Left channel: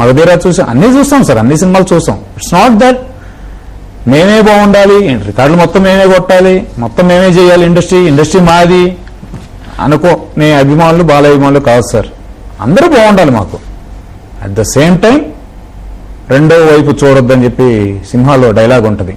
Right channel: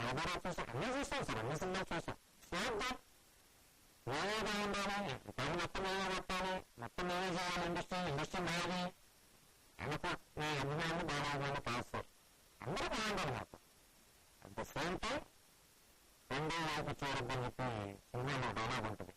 మగధీరా చూసాం, అన్ని చూస్తాం సార్, అన్ని సినిమాలు చూసాం. ఇట్స్ నాట్ దట్ మేమే బాగుండాలి, రికార్డులు మొత్తం మేమే కొట్టాలి, మొత్తం మేమే చేయాలి, ఇండస్ట్రీ మాది అనుకో. నే అభిమానులు బాల అభిమానులు కాదు సార్, అందరూ బాగుండాలి మాకు. అట్ ద సేమ్ టైం రెండో వైపు చూడొద్దని చెప్పి సింహాలో డైలాగ్ ఉంటుంది.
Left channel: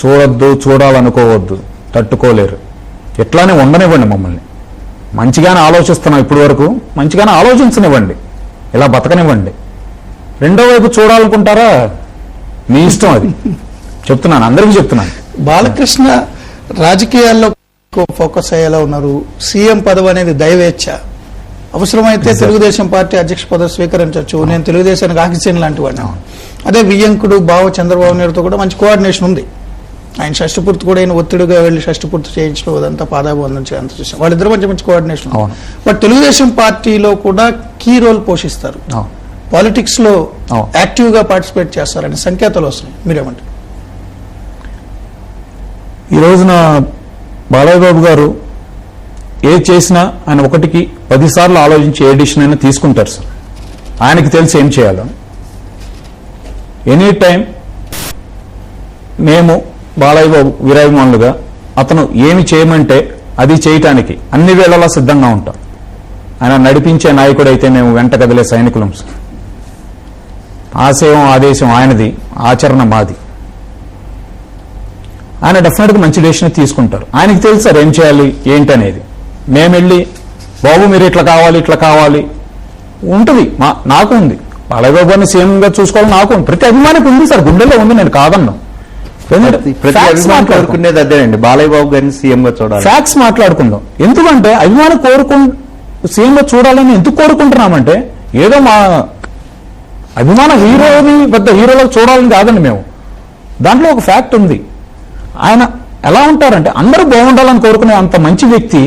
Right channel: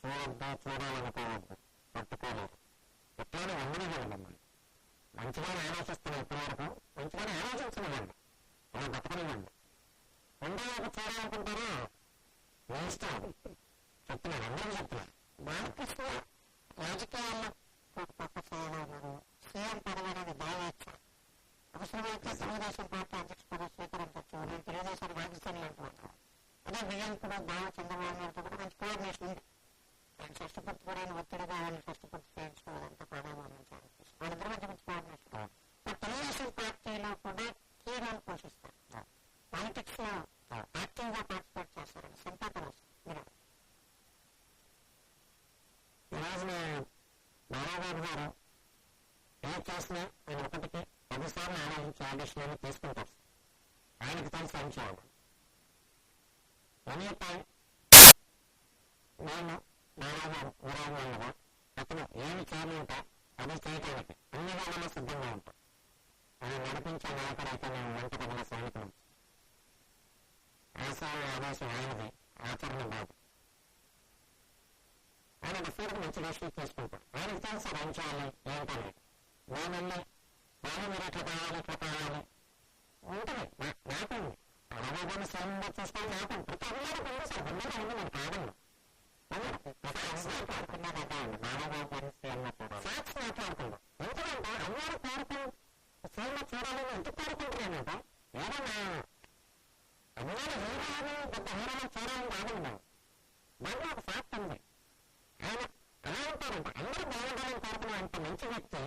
చూడొద్దు, చూడాలనుకోవద్దు, తట్టుకోలేరు. ఎట్లానే ఉండనివ్వండి మమ్మల్ని. మంచిగానే ఆలోచిస్తున్నాం ఇప్పటి వరకు, మంచిగానే ఆలోచించనివ్వండి, ఇలా బతకనివ్వండి. రెండో వైపు చూడాలనుకుంటారా మీ ఇష్టం, అది చెప్తున్నాను, అందరికీ చెప్తున్నాను. బాలకృష్ణ రాజకీయాల్లో ఫోకస్ అయ్యేలా ఉన్నారు. సీఎం పదవి అనేది దైవేచ్ఛ, అవసరమైతే తెలుగుదేశం పార్టీ అధ్యక్ష పదవి స్వీకరించవచ్చు. నేను తెలుగుదేశానికి ఆక్సిజన్ లాంటి వాడిని. అదే వియ్యంకుడు బావ చంద్రబాబు నాయుడుతో కూడా మంచి కోఆర్డినేషన్ ఉంది. ఆయన షష్టిపూర్తి కూడా ఆయన ఒత్తిడిగా వెళ్లి షష్టిపూర్తి చేయించడం అదంతా పాదాబంధం చేయంత చూసాం. వాళ్ళిద్దరు మంచి కోఆర్డినేషన్. బట్ తెలుగుదేశం పార్టీలో కూడా కీ రోల్ పోషిస్తారు, పాలిటిక్స్ లో యాక్టివ్ గా పార్టిసిపేట్ చేస్తారని సంకేతాలు వస్తున్నాయి. మీరేమంటారు? ఈ రోజున బాలయ్య బాబు గారు ఏ చేసినా ఆయన 1కి 10 సార్లు ఆలోచించి ఏ డిసిషన్ అయినా తీసుకుంటారు సార్. ఆయనకి తెలిసి ఏం చేయాలో. ఎనీ టైం మేము బాలయ్య బాబు వీరాభిమానులుగా అతను ఏమి చేయమంటే అది చేయటానికి అన్ని వేళలా సిద్ధంగా ఉంటాం. ఆయన నడిపించే నాయకుడు అయితే మేము వెంట కదిలే సైనికులం సార్. ఆశయం ఆదేశం ఆయనది, ఆచరణ మాది. ఆయన డెఫినెట్గా మంచి డెసిషన్ తీసుకుంటారు. ఆయనకి తెలుసు సార్ ఏం చేయాలి ఏంటి అనేది. మేము వెళ్ళి బాబు మీరు ఇట్లా కావాలి ఉంటుంది, నాకు ఉంది. బాలయ్య బాబు గారిని సీఎంగా చూసుకోవాలని నాకు ఉంది, ప్రతి అభిమానికి ఉంది సార్, గుండెల్లో ఉంది, నేను కాదన్నా. కోరుకునేది అదేనండి, బాలయ్య బాబు గారిని సీఎం గా చూడాలి. ఫ్యాక్ట్స్ మాట్లాడుకుందాం. ఎందుకంటే అభిమాని సీఎం గా చూడాలని ఎందుకు కోరుకుంటున్నామంటే ఏదో మా అభిమాన హీరోని పెద్ద హీరోలకు చూడాలని కాదండి మేము. దాంట్లో ఒక ఫ్యాక్ట్ ఉంది. ఆయన ఎలా ఉంటారంటే అందరూ బాగుండాలని కోరుకునే అంత మంచి వ్యక్తి.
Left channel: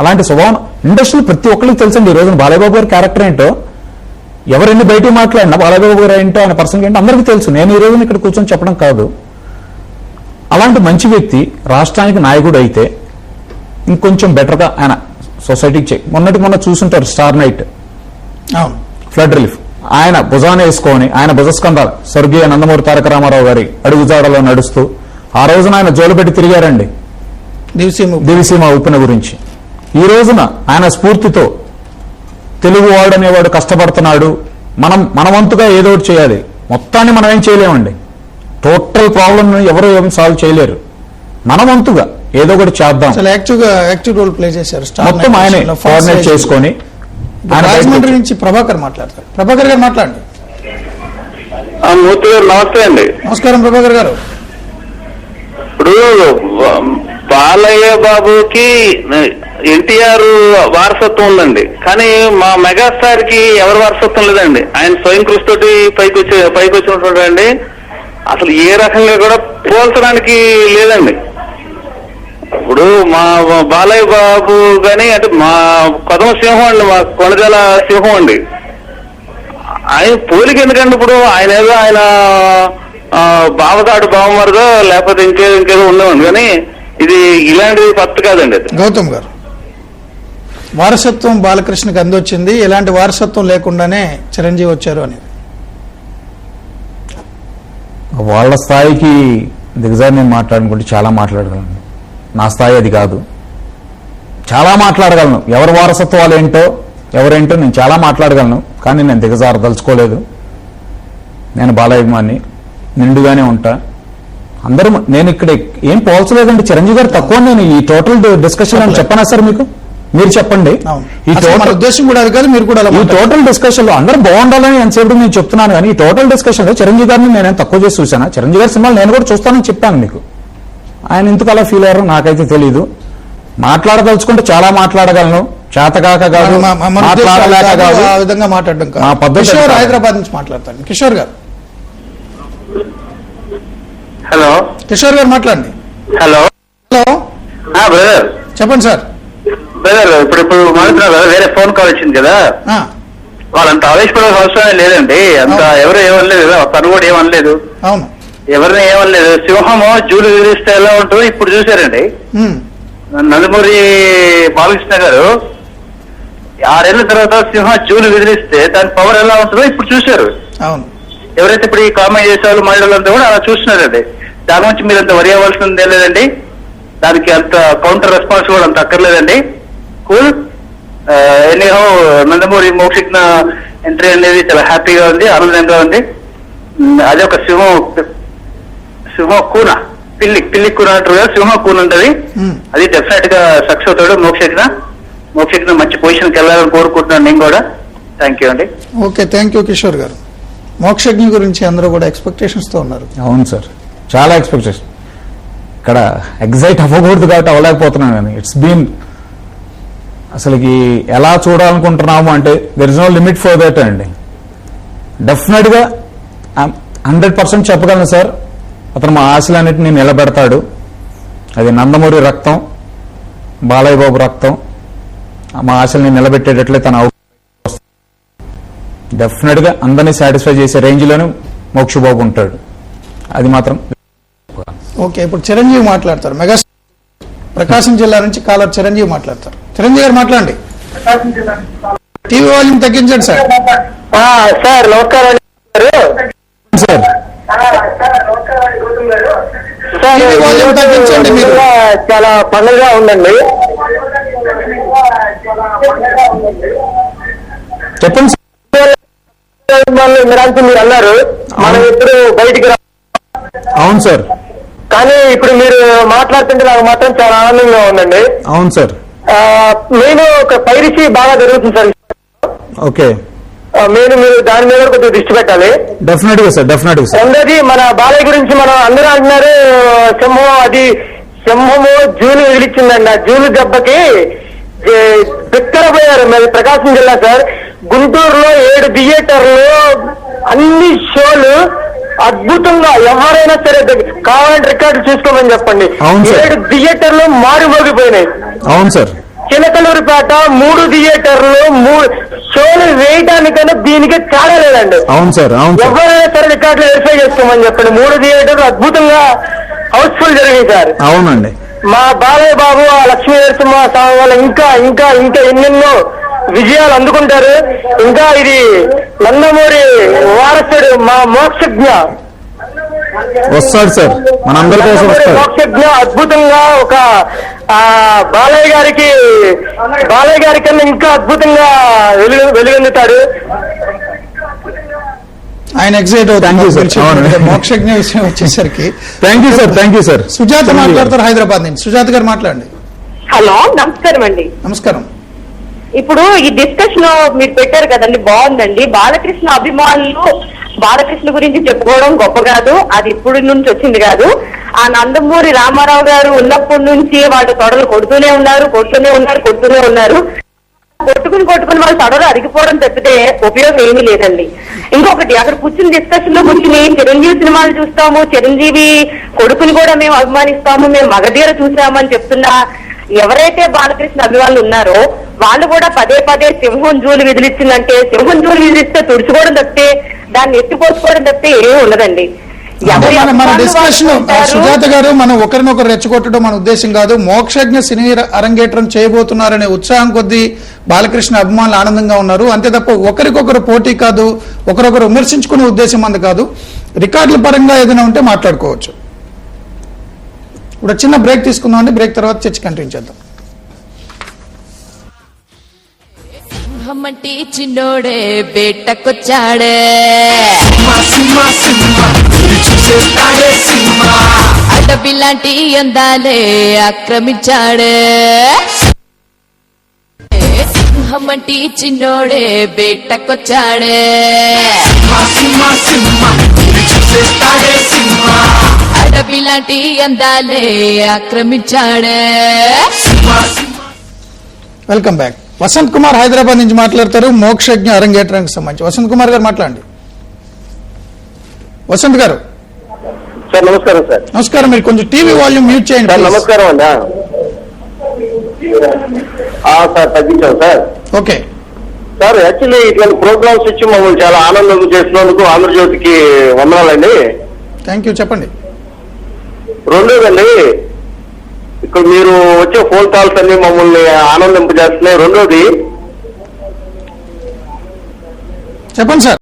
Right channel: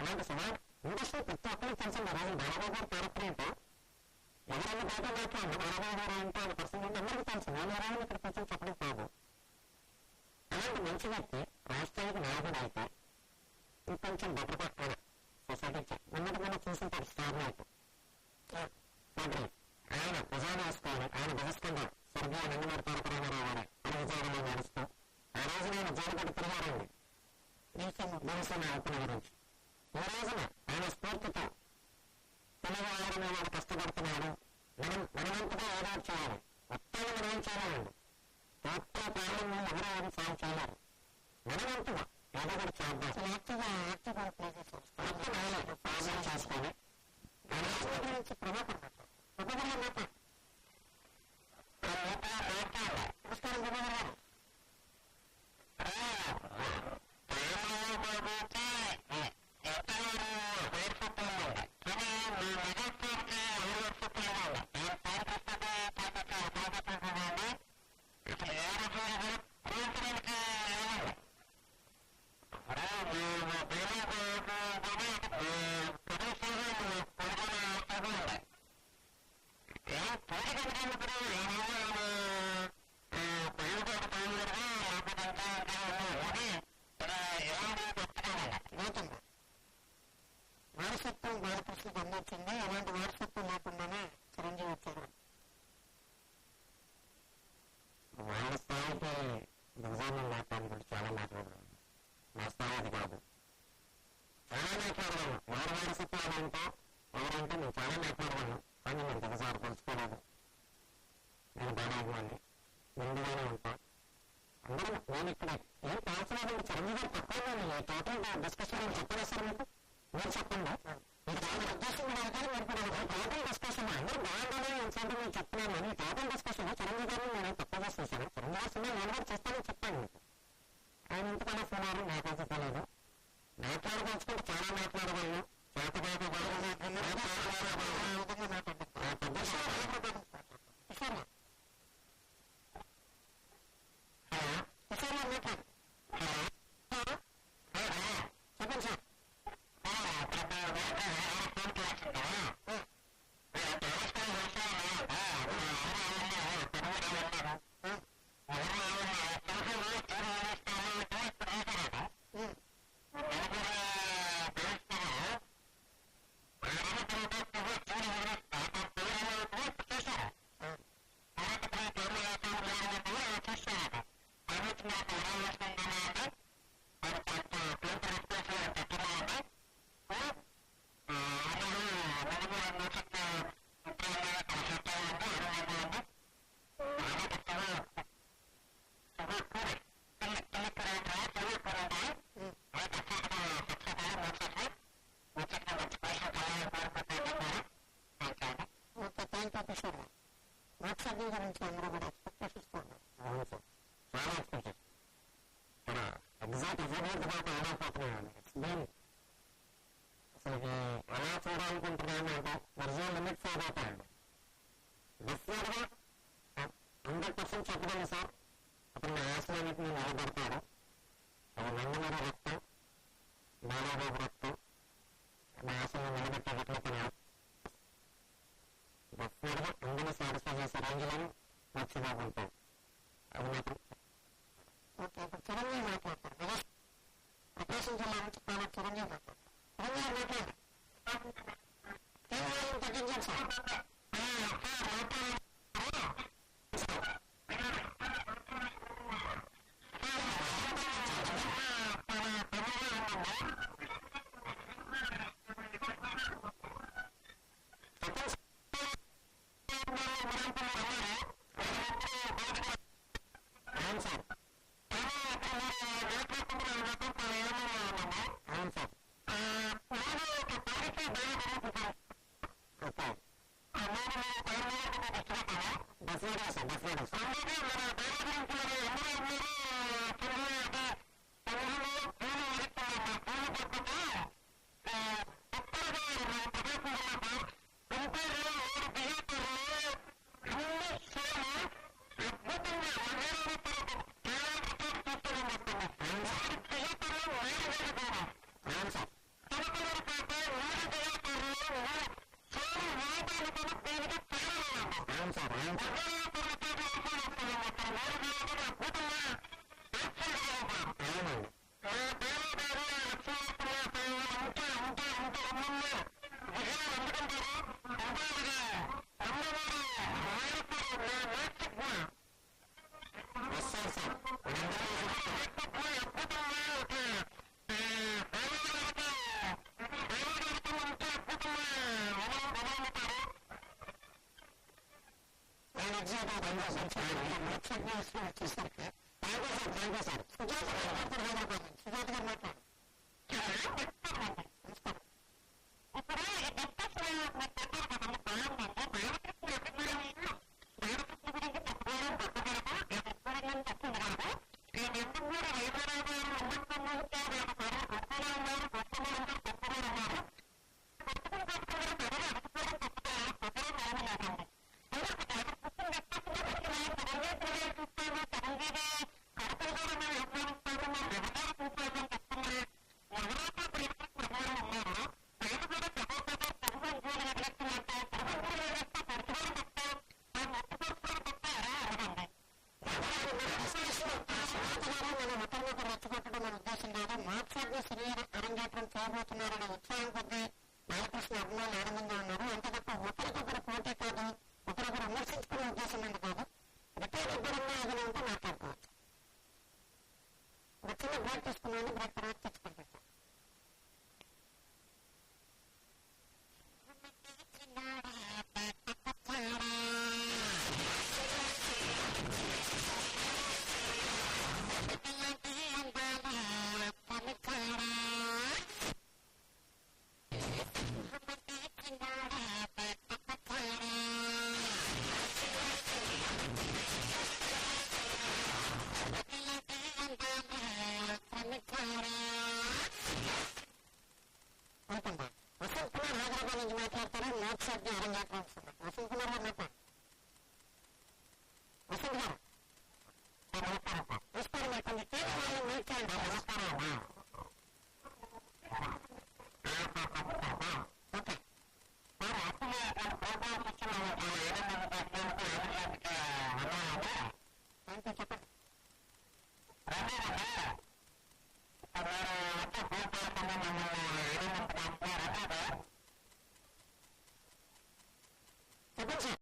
అలాంటి స్వభావం ఇండస్ట్రీలో ప్రతి ఒక్కరికి తెలుసండి. ఈ రోజున బాలయ్య బాబు గారి క్యారెక్టర్ ఏంటో, ఎవరెన్ని బయటికి మాట్లాడినా బాలయ్య బాబు గారు ఏంటో, ఆయన పర్సన్ ఏంటో అందరికీ తెలుసు. నేను ఈ రోజున ఇక్కడ కూర్చొని చెప్పడం కాదు. అలాంటి మంచి వ్యక్తి రాష్ట్రానికి నాయకుడు అయితే ఇంకొంచెం బెటర్గా ఆయన సొసైటీకి మొన్న చూసుంటారు స్టార్ నైట్, ఫ్లడ్ రిలీఫ్. ఆయన భుజాన్ని వేసుకొని ఆయన భుజస్కంధాలు స్వర్గీయ నందమూరి తారక రామారావు గారి అడుగుజాడలో నడుస్తూ ఆ రోజున ఆయన జోలు పెట్టి తిరిగారండి దివిసీమ ఉప్పెన గురించి. ఈ రోజున ఆయన స్ఫూర్తితో తెలుగు వాడు అనేవాడు కష్టపడుతున్నాడు, మన వంతుగా ఏదో ఒకటి చేయాలి. మొత్తాన్ని మనం ఏం చేయలేమండి, టోటల్ ప్రాబ్లమ్ ఎవరు ఏం సాల్వ్ చేయలేరు. మన వంతుగా ఏదో ఒకటి చేద్దాం. యాక్టివ్ రోల్ ప్లే చేశారు. మొత్తం ఆయనే కోఆర్డినేట్ చేసుకొని. రాజమండ్రి నుంచి ప్రభాకర్ మాట్లాడతారు. ప్రభాకర్ గారు మాట్లాడండి. నమస్తే అండి. నమస్కారం ప్రభాకర్ గారు. ఇప్పుడు బాలయ్య బాబుకి ఎన్టీఆర్ వారసత్వం ఉందండి, కానీ మా మెగాస్టార్ కి ఎవరి వారసత్వం లేదండి. ఆయన స్వయం కృషి తోటి పైకి వచ్చినటువంటి అసలు ఏ రకంగా కూడా పోల్చడానికి లేదండి. ఇప్పుడు మా బాలయ్య బాబు గాని అంటే మా కొదమ సింహం అండి, మా కొనజాల సింహం అండి. ఆయన పోలిక ఎందుకండి? ఇప్పుడు ఆయన ఏదో ఆయన బావదాడు బావమరుదో లేకపోతే ఇంకేదో ఉండవండి, కానీ ఇది ఇలాంటిది పత్తు కాదండి. అది గౌతమ్ గారు, వారసత్వం బాలకృష్ణకి అందొచ్చింది, ఎలాంటి వారసత్వం లేకుండానే చిరంజీవి వచ్చారు అని. వాళ్ళ స్థాయికి దిగజారి నేను మాట్లాడుకుంటే చాలా మాట్లాడగలను. నా స్థాయి అది కాదు. చాలా మాట్లాడగలను, ఎవరి వారసత్వాలు ఏంటో ఎవరేంటో నేను చాలా మాట్లాడగలను, కానీ నేను దిగజారదలుచుకోలేదు. నేను బాలయ్యమాన్ని నిండుగానే ఉంటా. అందరూ నేను ఇక్కడ ఏం పోల్చలేదండి. చిరంజీవి గారు తక్కువ. నేను ఈ టోటల్ డిస్కషన్ అని చెప్పనా సార్ మీకు? మీరు చెప్పండి. ఈ టోటల్ ఉద్దేశం కూడా అది కాదు, మీరు కూడా ఈ టోటల్ డిస్కషన్ లో అందరూ బాగుండాలని ఎంతసేపు నేను చెప్తున్నాను, కానీ ఈ టోటల్ డిస్కషన్ లో చిరంజీవి గారిని నేనేం తక్కువ చేసి చూసానా? చిరంజీవి గారి సినిమాలు నేను కూడా చూస్తానని చెప్పాను మీకు. ఆయన ఎందుకు అలా ఫీల్ అయ్యారో నాకైతే తెలీదు. మాట్లాడదలుచుకుంటే చాలా మాట్లాడగలను, చేతకాక కాదు, మాట్లాడలేక కాదు, ఆ విధంగా మాట్లాడడం కాదు. కిషోర్ హైదరాబాద్ నుంచి మాట్లాడతాను. కిషోర్ గారు. హలో కిషోర్ గారు మాట్లాడండి. హలో బ్రదర్ చెప్పండి సార్. బ్రదర్ ఇప్పుడు మాట్లాడుతున్నారు కదా, వేరే ఫోన్ కాల్ వచ్చింది కదా, వాళ్ళంత ఆవేశపడాల్సిన అవసరమే లేదండి. అంత ఎవరు ఏమనలేదు కదా, తను కూడా ఏమనలేదు, అవును ఎవరిని ఏమనలేదు. సింహము జూలు విధిస్తే ఎలా ఉంటుందో ఇప్పుడు చూసారండి. నందమూరి బాలకృష్ణ గారు 6 ఏళ్ల తర్వాత సింహం జూలు విదిలిస్తే దాని పవర్ ఎలా ఉంటుందో ఇప్పుడు చూశారు. అవును. ఎవరైతే ఇప్పుడు ఈ కామెంట్ చేసే వాళ్ళు మహిళలంతా కూడా అలా చూస్తున్నారండి. దాని నుంచి మీరు అంత వరి అవ్వాల్సిందే లేదండి. దానికి అంత కౌంటర్ రెస్పాన్స్ కూడా అంత అక్కర్లేదండి. Cool. Anyhow Nandamuri Mokshagna entry అనేది చాలా హ్యాపీగా ఉంది, ఆనందంగా ఉంది. అదే ఒక సింహం కూన, పిల్లి కూన అంటారు కదా, సింహం కూన ఉంటది. అది డెఫినెట్ గా సక్సెస్ అవుతాడు మోక్షజ్ఞ మంచి పొజిషన్కి వెళ్ళాలని కోరుకుంటున్నాను నేను కూడా. థ్యాంక్ యూ అండి. ఓకే, థ్యాంక్ యూ కిషోర్ గారు. మోక్షజ్ఞ గురించి అందరూ కూడా ఎక్స్పెక్టేషన్స్ తో ఉన్నారు. అవును సార్, చాలా ఎక్స్పెక్టేషన్. ఇక్కడ ఎగ్జైట్ అవ్వకూడదు కాబట్టి అవ్వలేకపోతున్నాను. కానీ ఇట్స్ బీన్ అసలుకి ఎలా చూడాలనుకుంటున్నాము అంటే there is no limit for that అండి. డెఫినెట్ గా 100% చెప్పగలను సార్, అతను మా ఆశలన్నిటిని నిలబెడతాడు. అది నందమూరి రక్తం, బాలయ్య బాబు రక్తం. మా ఆశల్ని నిలబెట్టేటట్లే తన డెఫినెట్ గా అందరినీ సాటిస్ఫై చేసే రేంజ్ లోనే మోక్షబాబు ఉంటాడు. అది మాత్రం. ఓకే, ఇప్పుడు చిరంజీవి మాట్లాడతారు. మెగా ప్రకాశం జిల్లా నుంచి కాలర్ చిరంజీవి మాట్లాడతారు. చిరంజీవి గారు మాట్లాడండి. టీవీ వాల్యూమ్ తగ్గించండి సార్. సార్ నమస్కారం సార్. టీవీ వాల్యూమ్ తగ్గించండి మీరు. చాలా పండుగగా ఉందండి. చెప్పండి సార్. మీరు అన్నారు మనం ఇప్పుడు బయటికి అవును సార్. కానీ ఇప్పుడు మీరు మాట్లాడుతుంటే నాకు మాత్రం చాలా ఆనందంగా ఉందండి. అవును సార్. నేను ఒక పైరసీ బాగా జరుగుతుంది సార్. ఓకే, మీరు దాని మీద కొద్దిగా దృష్టి పెట్టాలి. డెఫినెట్ గా సార్, డెఫినెట్ గా సార్. రెండోది మన బాలయ్య గురించి మనం అందరూ అంటున్నారు సింహము జూలు విదిలిచ్చిందండి. ఆ జూలు దెబ్బకి బిక్కరపోయారు. మరి ప్రకాశం జిల్లా సార్, గుంటూరులో 7 థియేటర్లు అన్ని షోలు అద్భుతంగా, ఎవరైనా సరే కావాలంటే రికార్డు చూసుకోమని చెప్పండి. 7 థియేటర్లు మారుమోగిపోయినాయి. అవును సార్. చిలకలూరుపేట 3 థియేటర్లు 3 షోలు వేయడానికైనా దీనికి తేడా లేదండి. అవును సార్. అవును సార్. ఎవరైనా సరే రికార్డులు వెరిఫై చేసుకోమని చెప్పండి. 3 థియేటర్లు అద్భుతంగా హౌస్ఫుల్ జరిగాయి సార్. అవునండి. మా బాలయ్య బాబు ఆ లక్ష్మీ నరసింహ స్వామి వల్ల ఇంకా ఇంకా ఇంకా ఎన్నెన్నో విజయాలు అందుకుంటారు. ఇంకా ఇది నందమూరి వారసుడు మా మోక్షజ్ఞ వస్తాడు సార్, మనందరి కోసం వస్తాడు. మోక్షజ్ఞ అద్భుతంగా ఒక బాలయ్య గారి కన్నా ఇంకా అద్భుతంగా వెలుగొందుతాడు. ఆయన ఎగ్జైట్ అవుతారు. మోక్షజ్ఞ విషయం వచ్చేసరికి. Thank you sir, thank you sir. Sujatha మాట్లాడతారు హైదరాబాద్ నుంచి. సుజాత గారు మాట్లాడండి. హలో, నమస్కారం అండి. నమస్కారం. ఇప్పుడు ఈ డిస్కషన్ మీరు పెట్టారు కదండి, బాగుందండి. బాలకృష్ణ అభిమానులు బాలకృష్ణ గురించి చెప్పుకోవడం గొప్ప కాదు, అది ఇప్పుడు నుంచి వచ్చింది కాదు. ఆ నందమూరి రామారావు గారు ఉన్నప్పటి నుంచి వాళ్ళు తొడలు కొడుతూనే ఉన్నారు. కొట్టుకుని వాళ్ళ తొడలు అరిగిపోవడం తప్పితే ఉపయోగం ఏమీ లేదండి. ఇంకొకటి, అక్కడ కూర్చుని డిస్కషన్ లో కూర్చుని చిరంజీవి సినిమాలు చూస్తాము, చిరంజీవి కొడుకుని కూడా మేము అభిమానిస్తాము, మేము మగధీర చూసామని చెప్తున్నా ఎవరైతే బాలకృష్ణ అభిమానులు ఉన్నారో వాళ్ళు కూడా పదే సింహం జూలు విదిలిచ్చిందంటే సింహం జూలు విదిలిస్తే తుడుచుకోవడం తప్పితే దాన్ని ఎత్తిపోసుకోవడం తప్పితే ఏమీ ఉండదండి. మన డిస్కషన్ సుజాత గారు, మనం ఒకరినొకరు రెచ్చగొట్టడం మన ఉద్దేశం కాదు. మోక్షజ్ఞ సినీ అరంగేట్రం చేయబోతున్నారనే ఉత్సాహం కొద్దీ బాలకృష్ణ అభిమానులు ఆనందంగా ఉన్నారు అంతే తప్ప ఒకరికొకరు పోటీ కాదు, ఒకరొకరు విమర్శించుకునే ఉద్దేశం అందు కాదు. రికార్డుల పరంగా ఏదైనా ఉంటే మాట్లాడుకోవచ్చు. ఇప్పుడు చిన్న బ్రేక్ తీసుకుందాం అండి. బ్రేక్ తర్వాత చర్చ కంటిన్యూ చేద్దాం. సింహమంటి చిన్నోడే బేటకొచ్చాడే, అడవి లాంటి అందాలే ఆక్రమించాడే. సింహమంటి చిన్నోడే బేటకొచ్చాడే, అడవి లాంటి అందాలే ఆక్రమించాడే. Welcome back. వసంత్ కుమార్ హైదరాబాద్ నుంచి మాట్లాడతారు మోక్షజ్ఞ అరంగేట్రానికి సంబంధించి. వసంత్ కుమార్ గారు మాట్లాడండి. వసంత్ గారు. సార్ నమస్కారం. సార్ నమస్కారం. మీరు కొంచెం టీవీ వాల్యూమ్ మ్యూట్ చేయండి. నమస్కారం అండి. సార్ తగ్గించాం సార్. ఓకే సార్, యాక్చువల్లీ ఇట్లాంటి ప్రోగ్రామ్స్ ఇచ్చి మమ్మల్ని చాలా ఆనందం చేసినందుకు ఆంధ్రజ్యోతికి వందనాలండి. Thank you. చెప్పండి. రెండోదండి, ఇక్కడ మీరు వచ్చే ఫోన్ కాల్స్ అన్ని మమ్మల్ని ఆనందింపజేస్తున్నాయి. రెండోది, చెప్పండి సార్.